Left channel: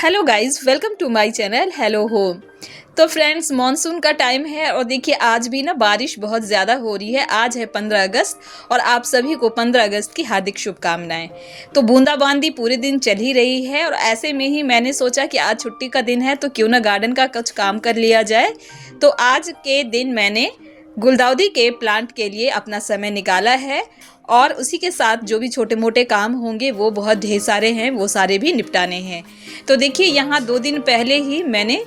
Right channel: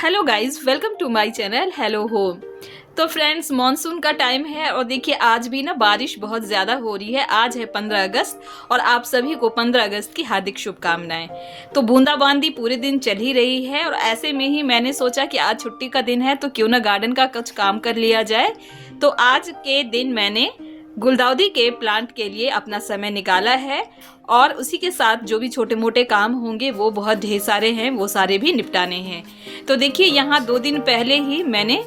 Hello guys, welcome to my channel hello home. तो friends, monsoon का time है और देखिए आज भी ना बारिश बहुत ज़्यादा हो रही है। आज है 15 अगस्त और आप सभी को 15 अगस्त की हार्दिक शुभकामनाएं। तो बूंदाबांदी पूरे दिन चल ही रही है और ऐसे में ही मैंने सोचा कि आज छुट्टी का दिन है तो क्यों ना गार्डन का कुछ काम कर लिया जाए। तो आज के दिन मैंने गुलदाउदी के प्लांट के लिए अपना समय निकाला है और उसी के साथ जो भी छोटे मोटे काम होंगे वो बहुत ढेर सारे हैं, वो सारे भी निपटाने हैं। तो देखिए यहाँ 2 दिन पहले ही मैंने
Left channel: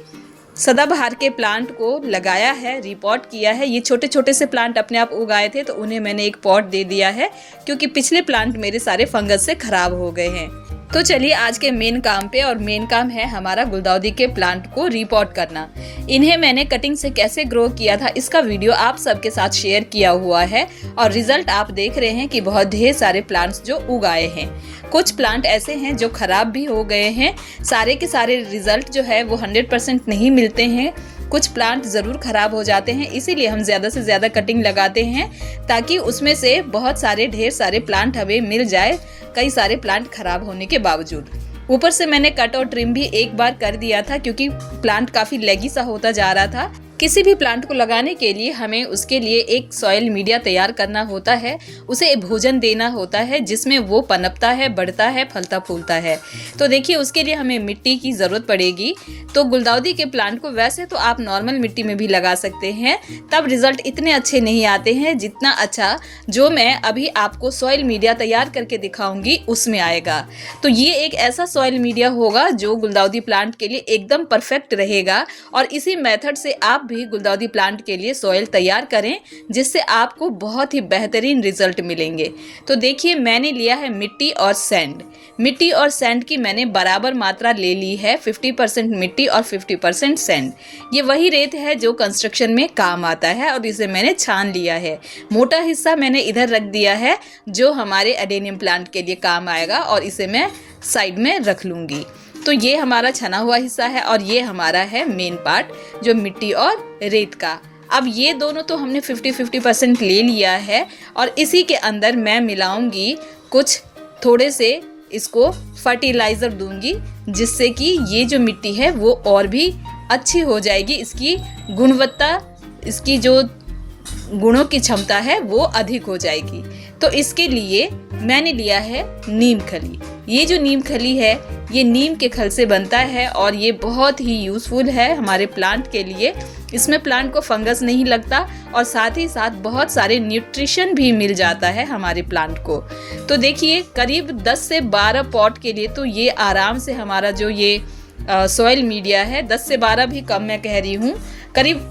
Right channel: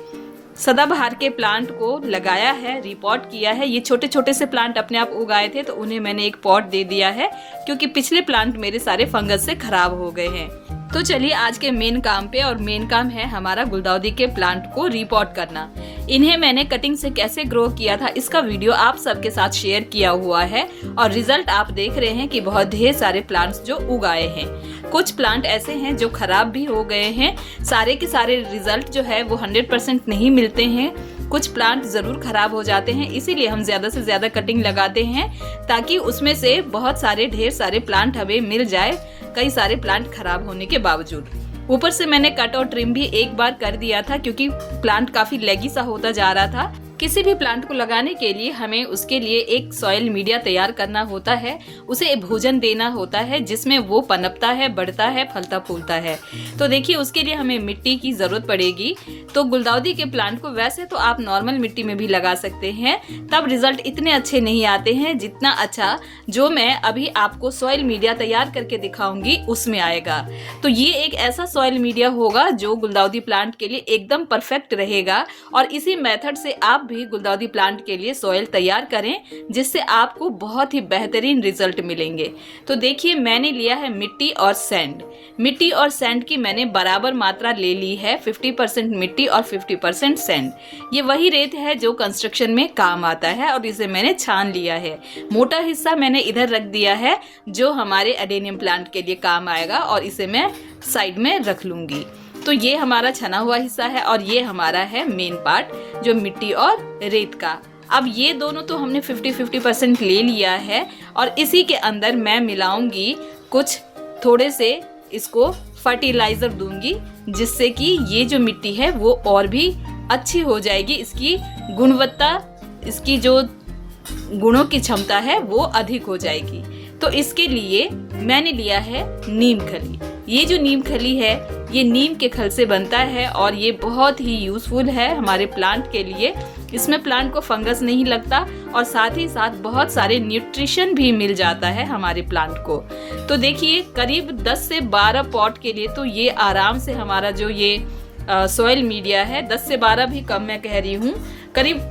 सदाबहार के प्लांट को लगाया है, रिपॉट किया है। ये छोटे छोटे से प्लांट अपने आप उगाए थे तो उन्हें मैंने एक पॉट दे दिया है क्योंकि पिछले प्लांट मेरे सारे फंगस से खराब हो गए हैं। तो चलिए आज के मेन काम पे, और मेन काम है हमारा गुलदाउदी के प्लांट को रिपॉट करना। इन्हें मैंने कटिंग से कैसे ग्रो किया था इसका वीडियो आप सबके साथ शेयर किया हुआ है और रिजल्ट आप देख रहे हैं कि बहुत ढेर सारे प्लांट्स जो उगाए हैं। कुछ प्लांट ऐसे हैं जो खराब भी हो गए हैं। सारे के सारे रिजल्ट जो है वो 100% नहीं मिलते हैं। कुछ प्लांट ज़रूर खराब हो जाते हैं, इसीलिए हम ज़्यादा से ज़्यादा कटिंग लगाते हैं ताकि उसमें से बहुत सारे ढेर सारे प्लांट हमें मिल जाए, कई सारे प्लांट खराब होने के बावजूद। ऊपर से मैंने कट और ट्रिम भी एक बार कर दिया था क्योंकि प्लांट काफ़ी लेगी सा होता जा रहा था। किसी भी प्लांट को लगाने के लिए हमें उसके लिए एक सॉइल मीडिया तैयार करना होता है, उसे भोजन देना होता है जिसमें वो पनपता है, बढ़ता है, फलता फूलता है। तो देखिए उसके लिए हमें मिट्टी की ज़रूरत पड़ेगी। तो गुलदाउदी के प्लांट को वैसे तो आप नॉर्मल मिट्टी में भी लगा सकते हैं, तब रिजल्ट इतने अच्छे नहीं आते हैं जितना अच्छा जो मैं अभी आपको सॉइल मीडिया तैयार करके दिखाऊंगी उसमें आएगा। तो ये एक ऐसा सॉइल मीडिया होगा जो गुलदाउदी प्लांट के लिए एकदम परफेक्ट रहेगा और इसी मेथड से आप भी गुलदाउदी प्लांट के लिए सॉइल तैयार करें जिससे आपको बहुत ही बेहतरीन रिजल्ट मिलेंगे। तो देखिए मैंने लिया है मिट्टी और सैंड। मिट्टी और सैंड की मैंने बराबर मात्रा ले ली है, 50% मिट्टी और 50% सैंड। ये वही रेत है जो कंस्ट्रक्शन में काम आता है और इसे मैंने छान लिया है। मोटा हिस्सा मैंने इधर रख दिया है जो हमारे एडेनियम प्लांट के लिए काम आएगा और इसे मैं साइड में रख लूंगी। तो ये हमारा छना हुआ हिस्सा है और ये हमारा है मेन पार्ट जो मिट्टी और रेत का। अब ये दोनों तो हमने 50-50% ले लिया है और इसी के अंदर मैं मिलाऊंगी कुछ थोड़े से इसको फर्टिलाइज़र दूंगी जिससे कि ये जो मिट्टी है वो और भी अच्छी हो जाएगी। इसकी गुणवत्ता, इसकी जो गुणों की क्षमता है वो अधिक हो जाएगी। तो इसके लिए मैंने लिया है नीम खली। ये जो नीम खली है ये नीम के खल से बनता है और ये बहुत ही यूज़फुल है हमारे प्लांट के लिए। इसमें प्लांट को फंगस नहीं लगता और साथ ही साथ बहुत सारे न्यूट्रिशन भी मिल जाता है हमारे प्लांट को। तो देखिए करीब 10 से 12 पॉट के लिए तो ये आराम से हमारा जो ये सॉइल मीडिया है, 10 से 12 भी कम मैं कह रही हूँ, करीब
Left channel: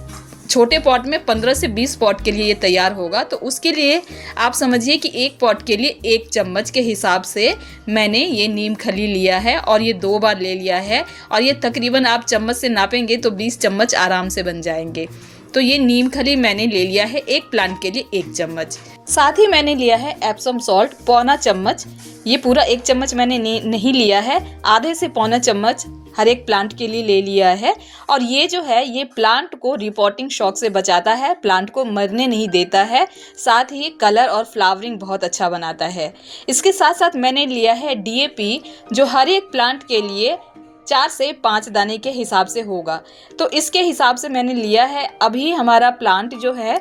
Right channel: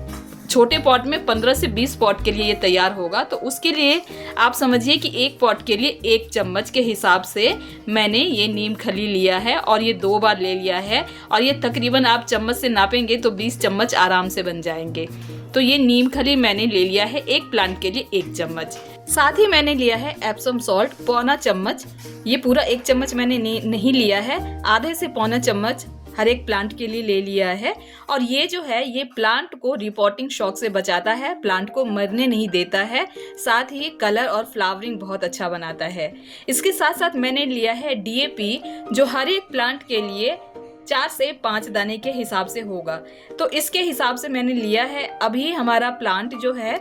छोटे पॉट में 15 से 20 पॉट के लिए ये तैयार होगा। तो उसके लिए आप समझिए कि एक पॉट के लिए 1 चम्मच के हिसाब से मैंने ये नीम खली लिया है और ये 2 बार ले लिया है और ये तकरीबन आप चम्मच से नापेंगे तो 20 चम्मच आराम से बन जाएंगे। तो ये नीम खली मैंने ले लिया है एक प्लांट के लिए 1 चम्मच। साथ ही मैंने लिया है एप्सम सॉल्ट पौना चम्मच। ये पूरा 1 चम्मच मैंने नहीं लिया है, आधे से पौना चम्मच हर एक प्लांट के लिए ले लिया है। और ये जो है ये प्लांट को रिपोर्टिंग शॉक से बचाता है, प्लांट को मरने नहीं देता है, साथ ही कलर और फ्लावरिंग बहुत अच्छा बनाता है। इसके साथ साथ मैंने लिया है DAP जो हर एक प्लांट के लिए 4 से 5 दाने के हिसाब से होगा। तो इसके हिसाब से मैंने लिया है। अभी हमारा प्लांट जो है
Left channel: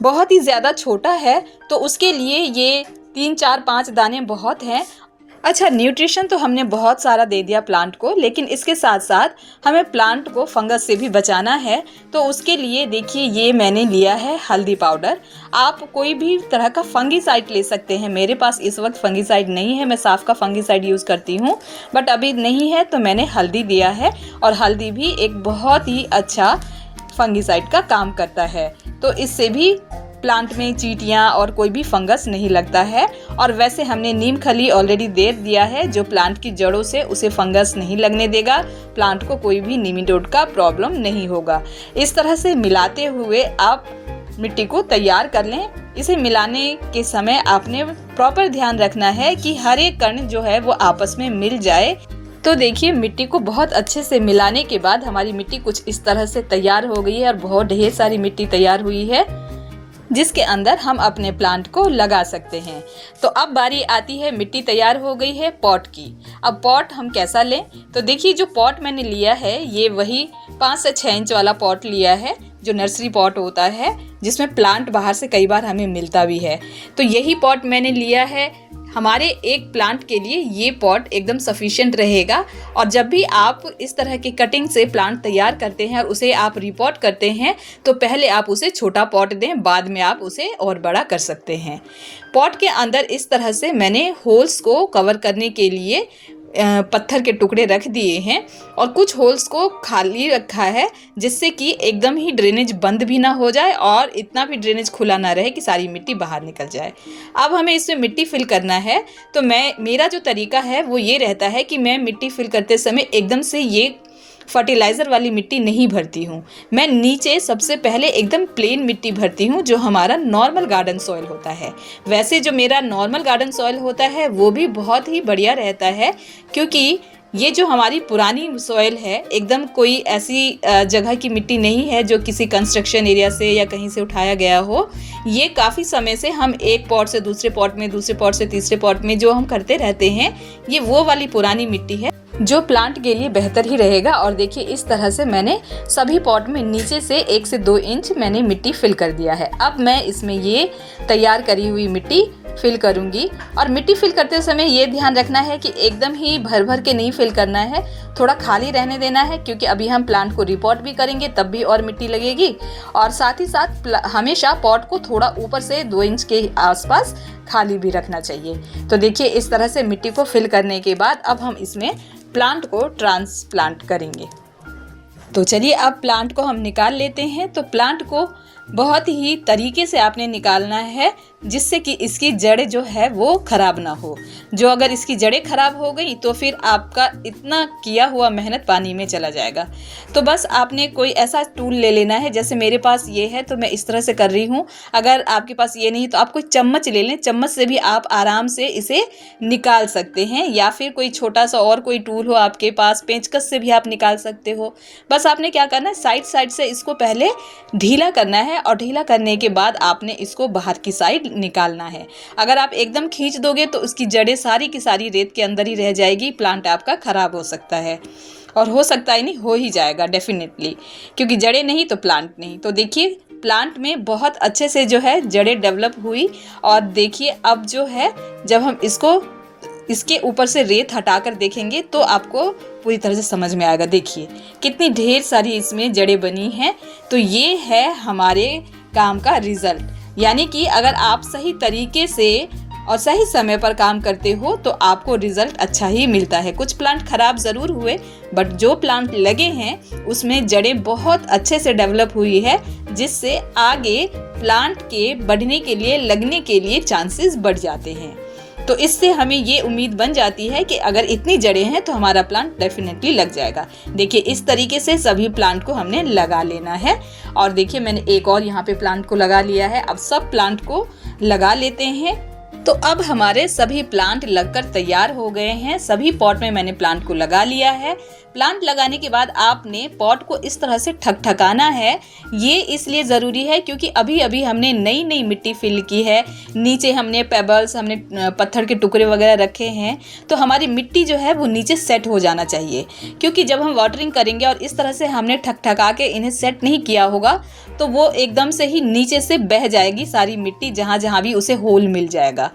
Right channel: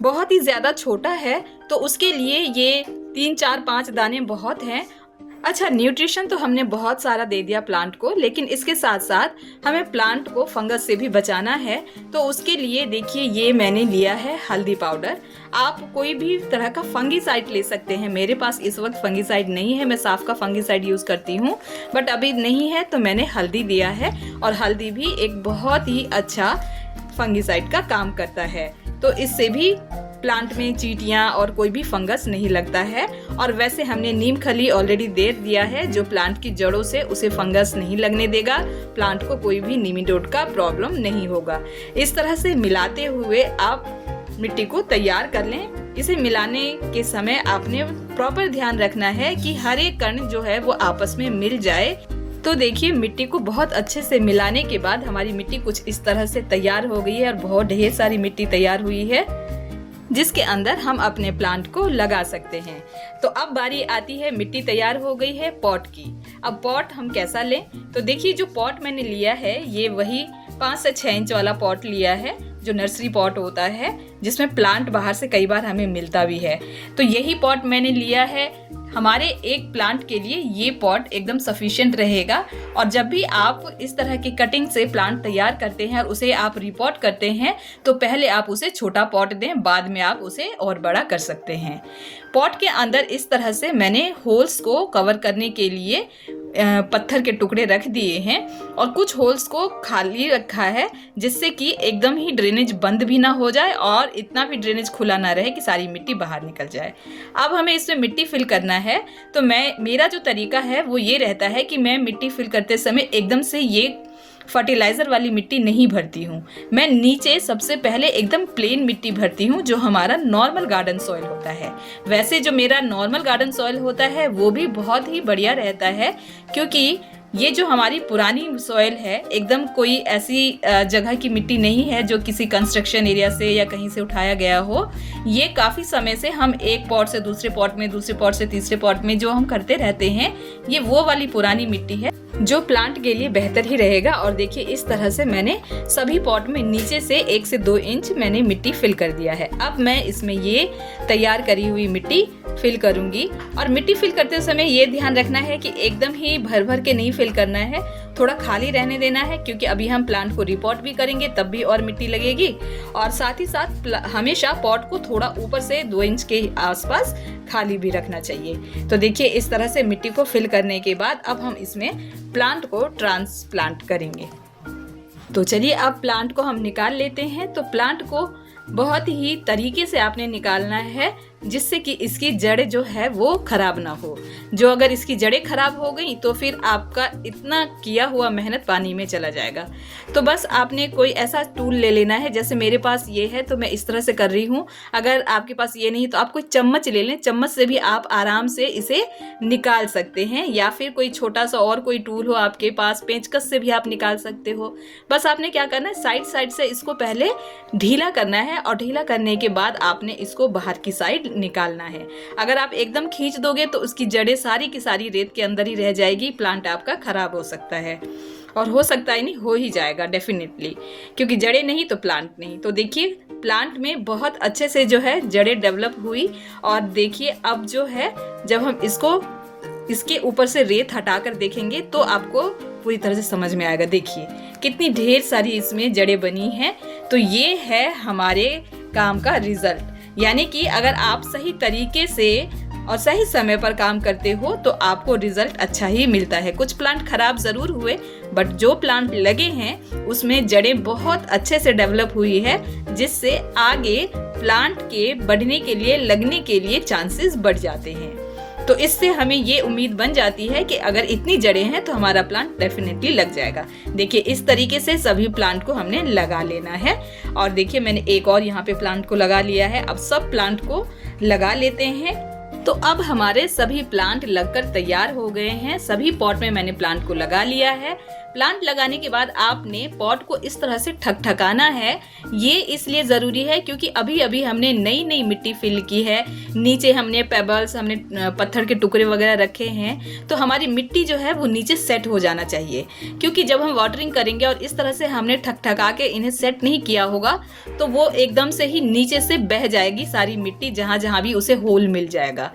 बहुत ही ज़्यादा छोटा है तो उसके लिए ये 3, 4, 5 दाने बहुत हैं। अच्छा, न्यूट्रिशन तो हमने बहुत सारा दे दिया प्लांट को, लेकिन इसके साथ साथ हमें प्लांट को फंगस से भी बचाना है। तो उसके लिए देखिए ये मैंने लिया है हल्दी पाउडर। आप कोई भी तरह का फंगीसाइड ले सकते हैं। मेरे पास इस वक्त फंगीसाइड नहीं है, मैं साफ का फंगीसाइड यूज़ करती हूँ, बट अभी नहीं है तो मैंने हल्दी दिया है और हल्दी भी एक बहुत ही अच्छा फंगीसाइड का काम करता है। तो इससे भी प्लांट में चींटियाँ और कोई भी फंगस नहीं लगता है। और वैसे हमने नीम खली ऑलरेडी दे दिया है जो प्लांट की जड़ों से उसे फंगस नहीं लगने देगा, प्लांट को कोई भी निमेटोड का प्रॉब्लम नहीं होगा। इस तरह से मिलाते हुए आप मिट्टी को तैयार कर लें। इसे मिलाने के समय आपने प्रॉपर ध्यान रखना है कि हर एक कण जो है वो आपस में मिल जाए। तो देखिए मिट्टी को बहुत अच्छे से मिलाने के बाद हमारी मिट्टी कुछ इस तरह से तैयार हो गई है और बहुत ढेर सारी मिट्टी तैयार हुई है। जिसके अंदर हम अपने प्लांट को लगा सकते हैं। तो अब बारी आती है, मिट्टी तैयार हो गई है पॉट की। अब पॉट हम कैसा लें, तो देखिए जो पॉट मैंने लिया है ये वही 5 से 6 इंच वाला पॉट लिया है, जो नर्सरी पॉट होता है जिसमें प्लांट बाहर से कई बार हमें मिलता भी है। तो यही पॉट मैंने लिया है। हमारे एक प्लांट के लिए ये पॉट एकदम सफिशिएंट रहेगा। और जब भी आप इस तरह की कटिंग से प्लांट तैयार करते हैं और उसे आप रिपॉट करते हैं तो पहले आप उसे छोटा पॉट दें, बाद में आप उसे और बड़ा कर सकते हैं। पॉट के अंदर इस तरह से मैंने होल्स को कवर करने के लिए पत्थर के टुकड़े रख दिए हैं और कुछ होल्स को खाली रखा है, जिससे कि एकदम ही ड्रेनेज बंद भी ना हो जाए और इतना भी ड्रेनेज खुला ना रहे कि सारी मिट्टी बाहर निकल जाए। अब हमें इसमें मिट्टी फिल करना है। तो मेरा जो तरीका है वो ये रहता है कि मैं मिट्टी फिल करते समय एकदम से ये फर्टिलाइज़र वाली मिट्टी नहीं भरती हूँ। मैं नीचे सबसे पहले एकदम प्लेन मिट्टी भरती हूँ, जो हमारा नॉर्मल गार्डन सॉइल होता है। वैसे जो मेरा नॉर्मल गार्डन सॉइल होता है वो भी बहुत ही बढ़िया रहता है, क्योंकि ये जो हमारी पुरानी सॉइल है एकदम कोई ऐसी जगह की मिट्टी नहीं है जो किसी कंस्ट्रक्शन एरिया से या कहीं से उठाया गया हो। ये काफ़ी समय से हम एक पॉट से दूसरे पॉट में, दूसरे पॉट से तीसरे पॉट में जो हम करते रहते हैं, ये वो वाली पुरानी मिट्टी है जो प्लांट के लिए बेहतर ही रहेगा। और देखिए इस तरह से मैंने सभी पॉट में नीचे से 1 से 2 इंच मैंने मिट्टी फिल कर दिया है। अब मैं इसमें ये तैयार करी हुई मिट्टी फिल करूंगी। और मिट्टी फिल करते समय ये ध्यान रखना है कि एकदम ही भर भर के नहीं फिल करना है, थोड़ा खाली रहने देना है, क्योंकि अभी हम प्लांट को रिपॉट भी करेंगे तब भी और मिट्टी लगेगी। और साथ ही साथ हमेशा पॉट को थोड़ा ऊपर से 2 इंच के आसपास खाली भी रखना चाहिए। तो देखिए इस तरह से मिट्टी को फिल करने के बाद अब हम इसमें प्लांट को ट्रांसप्लांट करेंगे। तो चलिए अब प्लांट को हम निकाल लेते हैं। तो प्लांट को बहुत ही तरीके से आपने निकालना है, जिससे कि इसकी जड़ें जो है वो खराब ना हो। जो अगर इसकी जड़ें खराब हो गई तो फिर आपका इतना किया हुआ मेहनत पानी में चला जाएगा। तो बस आपने कोई ऐसा टूल ले लेना है, जैसे मेरे पास ये है तो मैं इस तरह से कर रही हूँ। अगर आपके पास ये नहीं तो आप कोई चम्मच ले लें, चम्मच से भी आप आराम से इसे निकाल सकते हैं, या फिर कोई छोटा सा और कोई टूल हो आपके पास, पेंचकस से भी आप निकाल सकते हो। बस आपने क्या करना है, साइड साइड से इसको पहले ढीला करना है और ढीला करने के बाद आपने इसको बाहर की साइड निकालना है। अगर आप एकदम खींच दोगे तो उसकी जड़ें सारी की सारी रेत के अंदर ही रह जाएगी, प्लांट आपका खराब हो सकता है। और हो सकता है नहीं, हो ही जाएगा डेफिनेटली, क्योंकि जड़ें नहीं तो प्लांट नहीं। तो देखिए प्लांट में बहुत अच्छे से जो है जड़ें डेवलप हुई। और देखिए अब जो है जब हम इसके ऊपर से रेत हटाकर देखेंगे तो आपको पूरी तरह से समझ में आएगा। देखिए कितनी ढेर सारी इसमें जड़ें बनी हैं। तो ये है हमारे काम का रिजल्ट। यानी कि अगर आप सही तरीके से और सही समय पर काम करते हो तो आपको रिजल्ट अच्छा ही मिलता है। कुछ प्लांट खराब ज़रूर हुए, बट जो प्लांट लगे हैं उसमें जड़ें बहुत अच्छे से डेवलप हुई है, जिससे आगे प्लांट के बढ़ने के लिए, लगने के लिए चांसेस बढ़ जाते हैं। तो इससे हमें ये उम्मीद बन जाती है कि अगर इतनी जड़ें हैं तो हमारा प्लांट डेफिनेटली लग जाएगा। देखिए इस तरीके से सभी प्लांट को हमने लगा लेना है। और देखिए मैंने एक और यहाँ पे प्लांट को लगा लिया है। अब सब प्लांट को लगा लेते हैं। तो अब हमारे सभी प्लांट लगकर तैयार हो गए हैं। सभी पॉट में मैंने प्लांट को लगा लिया है। प्लांट लगाने के बाद आपने पॉट को इस तरह से ठकठकाना है। ये इसलिए ज़रूरी है क्योंकि अभी अभी हमने नई नई मिट्टी फिल की है। नीचे हमने पेबल्स, हमने पत्थर के टुकड़े वगैरह रखे हैं। तो हमारी मिट्टी जो है वो नीचे सेट हो जाना चाहिए, क्योंकि जब हम वाटरिंग करेंगे और इस तरह से हमने ठकठका के इन्हें सेट नहीं किया होगा तो वो एकदम से ही नीचे से बह जाएगी सारी मिट्टी, जहाँ जहाँ भी उसे होल मिल जाएगा।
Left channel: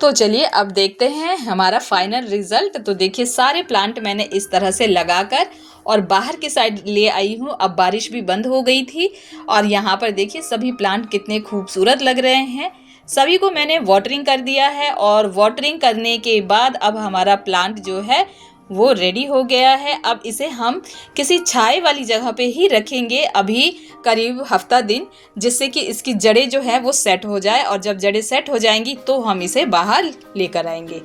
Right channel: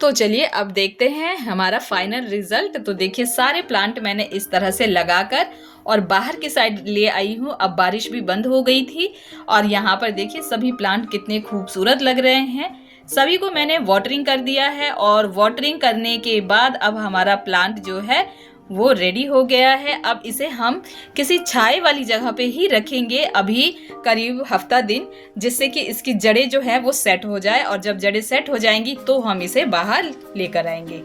तो चलिए अब देखते हैं हमारा फाइनल रिजल्ट। तो देखिए सारे प्लांट मैंने इस तरह से लगाकर और बाहर की साइड ले आई हूँ। अब बारिश भी बंद हो गई थी और यहाँ पर देखिए सभी प्लांट कितने खूबसूरत लग रहे हैं। सभी को मैंने वाटरिंग कर दिया है और वाटरिंग करने के बाद अब हमारा प्लांट जो है वो रेडी हो गया है। अब इसे हम किसी छाए वाली जगह पे ही रखेंगे अभी करीब हफ्ता दिन, जिससे कि इसकी जड़ें जो है वो सेट हो जाए। और जब जड़ें सेट हो जाएंगी तो हम इसे बाहर लेकर आएंगे।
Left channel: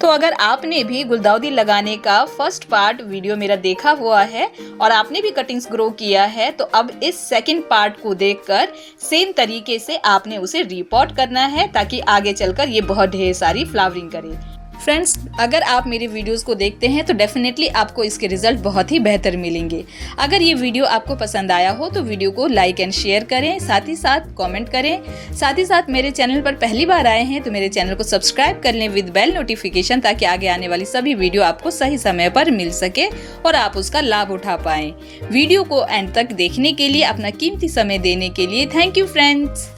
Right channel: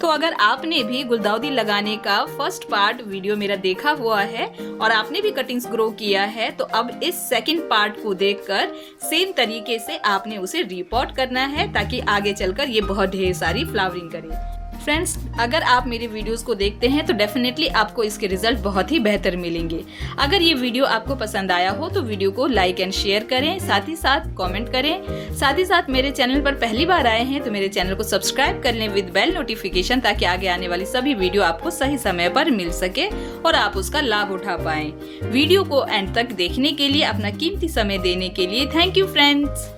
तो अगर आपने भी गुलदाउदी लगाने का फर्स्ट पार्ट वीडियो मेरा देखा हुआ है और आपने भी कटिंग्स ग्रो किया है, तो अब इस सेकंड पार्ट को देखकर सेम तरीके से आपने उसे रिपोर्ट करना है, ताकि आगे चलकर ये बहुत ढेर सारी फ्लावरिंग करे। फ्रेंड्स, अगर आप मेरे वीडियोस को देखते हैं तो डेफिनेटली आपको इसके रिजल्ट बहुत ही बेहतर मिलेंगे। अगर ये वीडियो आपको पसंद आया हो तो वीडियो को लाइक एंड शेयर करें, साथ ही साथ कमेंट करें। साथ ही साथ मेरे चैनल पर पहली बार आए हैं तो मेरे चैनल को सब्सक्राइब कर लें विद बेल नोटिफिकेशन, ताकि आगे आने वाली सभी वीडियो आपको सही समय पर मिल सके और आप उसका लाभ उठा पाएं। वीडियो को एंड तक देखने के लिए, अपना कीमती समय देने के लिए थैंक यू फ्रेंड्स।